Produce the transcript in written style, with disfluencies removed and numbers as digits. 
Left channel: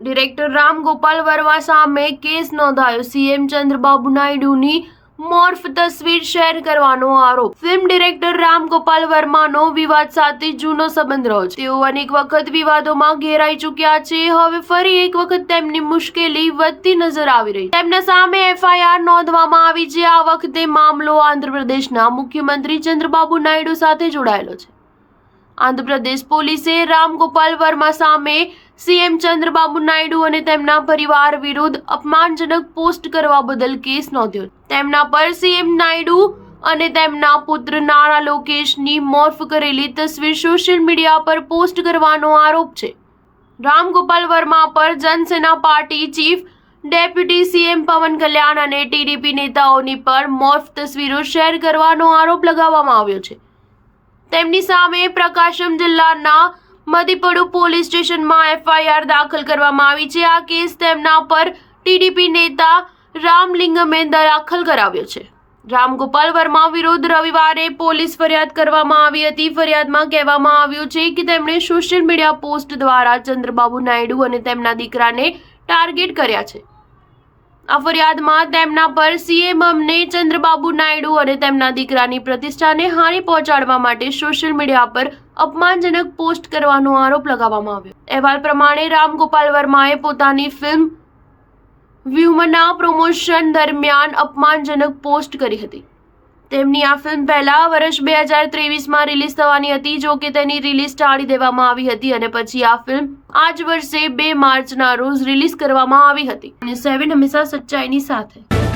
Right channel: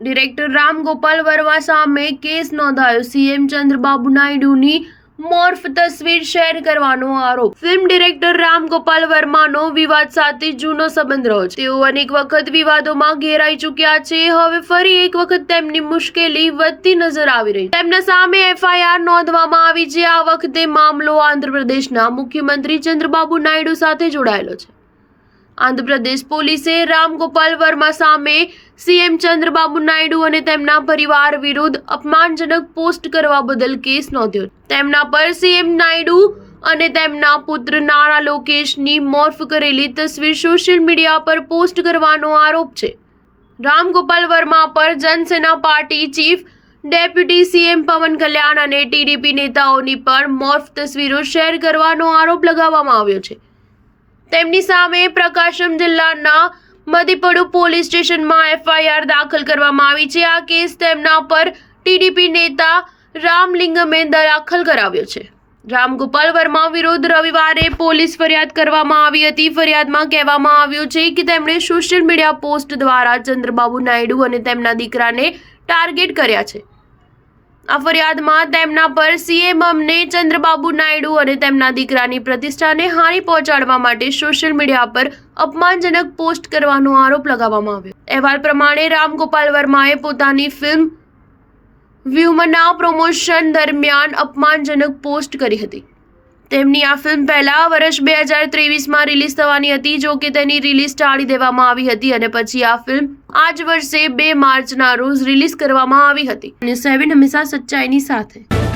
Director Ram Gopal Verma સામે case નોંધાયો. CM Chandrababu નાયડુની morph તસવીર શેર કરવાનો આરોપ. ફિલ્મ ડિરેક્ટર રામ ગોપાલ વર્માનો વિવાદ સાથે જૂનો સંબંધ રહ્યો છે. તેઓ અનેક વખત વિવાદોમાં ઘેરાઈ ચૂક્યા છે. હવે ફરી એક વખત તેમની મુશ્કેલી વધતી નજર આવી રહી છે. તેમના સામે એફઆઈઆર નોંધવામાં આવી છે. આ વખતે મામલો આંધ્રપ્રદેશના મુખ્યમંત્રી ચંદ્રબાબુ નાયડુ સાથે જોડાયેલો છે. આંધ્રપ્રદેશ પોલીસે રામ ગોપાલ વર્મા સામે સીએમ ચંદ્રબાબુ નાયડુ અને તેમના પરિવાર વિરુદ્ધ અપમાનજનક પોસ્ટ કરવા બદલ કેસ નોંધ્યો. તેમના પર સીએમ નાયડુ અને તેમના પુત્ર નાના લોકેશની મોર્ફ કરેલી તસવીર સોશિયલ મીડિયા પર પોસ્ટ કરવાનો આરોપ છે. રામ ગોપાલ વર્મા પર Janasena party chief deputy CM પવન કલ્યાણ અને ટીડીપી નેતાઓની પર મોર્ફ તસવીરો શેર કરવાનો આરોપ લગાવવામાં આવ્યો છે. તેમની સામે પ્રકાશમ જિલ્લાના મધીપડુ પોલીસ સ્ટેશનમાં એફઆઈઆર દાખલ કરવામાં આવી છે. આ કેસ તેમના પર ટીડીપી નેતા રામલિંગમે દાખલ કરાવ્યો છે. રામ ગોપાલ વર્મા વિરુદ્ધ રવિવારે પોલીસ ફરિયાદ કરવામાં આવી હતી. ફરિયાદમાં કહેવામાં આવ્યું છે કે તેમણે સોશિયલ મીડિયા પોસ્ટ દ્વારા ચંદ્રબાબુ નાયડુ અને તેમના દીકરાને ટાર્ગેટ કર્યા છે. આ ફરિયાદમાં તેમના પર સીએમ અમને ચંદ્રબાબુ નાયડુ અને તેમના દીકરાની પ્રતિષ્ઠાને હાનિ પહોંચાડવા માટે સોશિયલ મીડિયા પર અપમાનજનક પોસ્ટ કરવાનો આરોપ લગાવવામાં આવ્યો. અહેવાલ પ્રમાણે રામ ગોપાલ વર્માએ પોતાની ફિલ્મ વ્યુમના પ્રમોશન દરમિયાન અપમાનજનક પોસ્ટ કરી હતી. તેમની આ ફિલ્મ પહેલા વર્ષ 2023માં રિલીઝ થવાની હતી. જો કે તેની રિલીઝ ટાળી દેવામાં આવી હતી અને પછી આ ફિલ્મ આ જ વર્ષે 2 માર્ચના રોજ રિલીઝ કરવામાં આવી હતી. ન્યૂઝ 7 હંમેશા સચ્ચાઈની સાથે.